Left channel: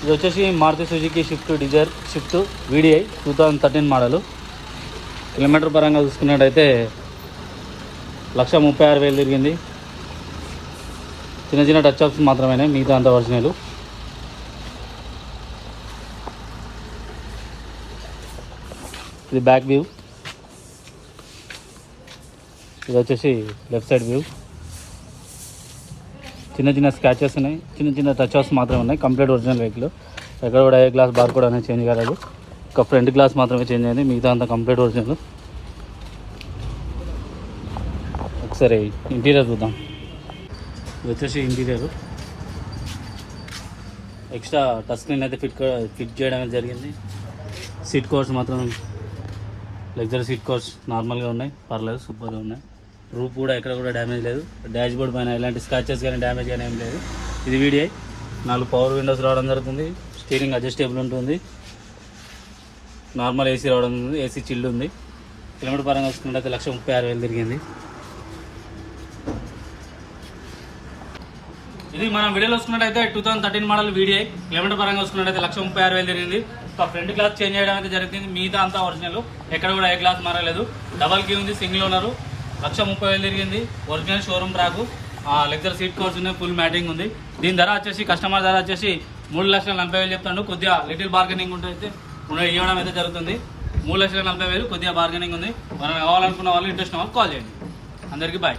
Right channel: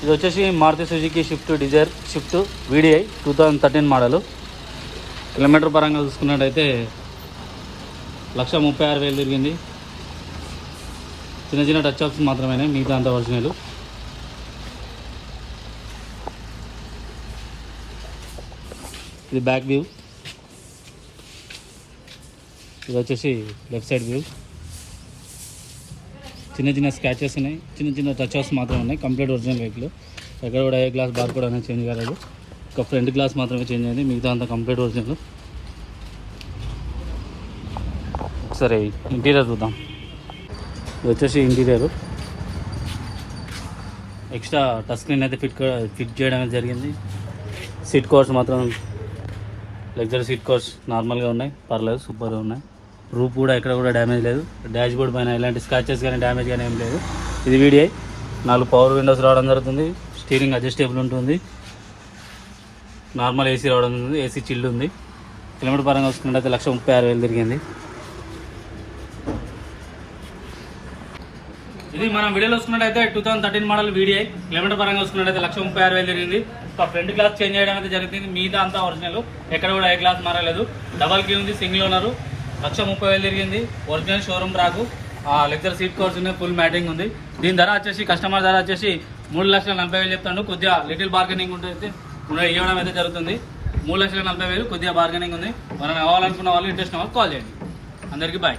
ఇది వచ్చేసి Maruti Suzuki Swift Dzire Swift VDI 2013 model. Kilometre పరంగా చూసుకున్నట్టయితే 136,000 తిరిగింది. చిన్న చిన్న టచ్ అప్స్ మాత్రమే, మిగతా అంత ఒరిజినల్. ఇది బ్యాక్ వ్యూ, ఇది వచ్చేసి లెఫ్ట్ సైడ్ వ్యూ. చిన్న చిన్న స్క్రాచెస్ ఉన్నాయి, చిన్న చిన్న టచ్ అప్స్ మాత్రమే ఉన్నాయి. Complete original vehicle. ఎక్కడ కూడా ఏ గ్లాస్ బార్ కూడా అనేది చేంజ్ కాలేదు. ఒక ఫ్రంట్ గ్లాస్ మాత్రమే చేంజ్ అయింది, మిగతా అంతా కంప్లీట్ ఒరిజినల్. ఒకసారి ఇంటీరియర్ చూద్దాం. ఇది వచ్చేసి ఇంటీరియర్. ఎక్స్ట్రా టచ్ స్క్రీన్ అయితే ఫిట్ చేయడం జరిగింది. సీట్ కవర్స్ మాత్రం లగ్జరీ సీట్ కవర్స్ నార్మల్గా ఉన్నాయి, పర్లేదు, సూపర్గా ఉన్నాయి. రూప్ కూడా ఎక్కడ కూడా డ్యామేజ్ లేదు. డాష్ బోర్డ్ పైన ఎలాంటి స్క్రాచెస్ కానీ డ్యామేజ్ కానీ ఏం లేదు. ఇది VDI. 4 పవర్ విండోస్ రావడం జరుగుతుంది. స్టీరింగ్ అడ్జస్టబుల్ ఉంటుంది. నార్మల్ AC రావడం ఉంది. AC చిల్డ్ ఉంది. కిలోమీటర్ పరంగా వస్తున్నట్టయితే 136,000 తిరిగింది. ఇది మనం వీడియోలో వస్తున్నట్టయితే 2013 మోడల్ VDI. కిలోమీటర్ పరంగా వస్తున్నట్టయితే 136,000 తిరిగింది. ఒక ఫ్రంట్ గ్లాస్ చేంజ్ చేయడం అయితే జరిగింది, మిగతా అంతా ఒరిజినల్. ఎక్కడ కూడా ఏ గ్లాస్ మారలేదు. డబల్ కీ ఉంది, సింగిల్ ఓనరు. 130,000 తిరిగింది. Original showroom track. Lecture seat covers ఉన్నాయి, ఫుల్ మ్యాటింగ్ ఉంది. దీని ధర వచ్చేసి కస్టమర్ ధర వచ్చేసి 3,40,000 చెప్తాను. కొద్దిగా లిటిల్ బార్గెనింగ్ ఉంటుంది, ఇవ్వడం అయితే జరుగుతుంది. 3,40,000 కొద్దిగా బార్గెనింగ్ ఉంది. మనం కావాలనుకున్న వాళ్ళు, ఇంట్రెస్ట్ ఉన్న వాళ్ళు కాల్ చేయండి. అందరికీ బాయ్.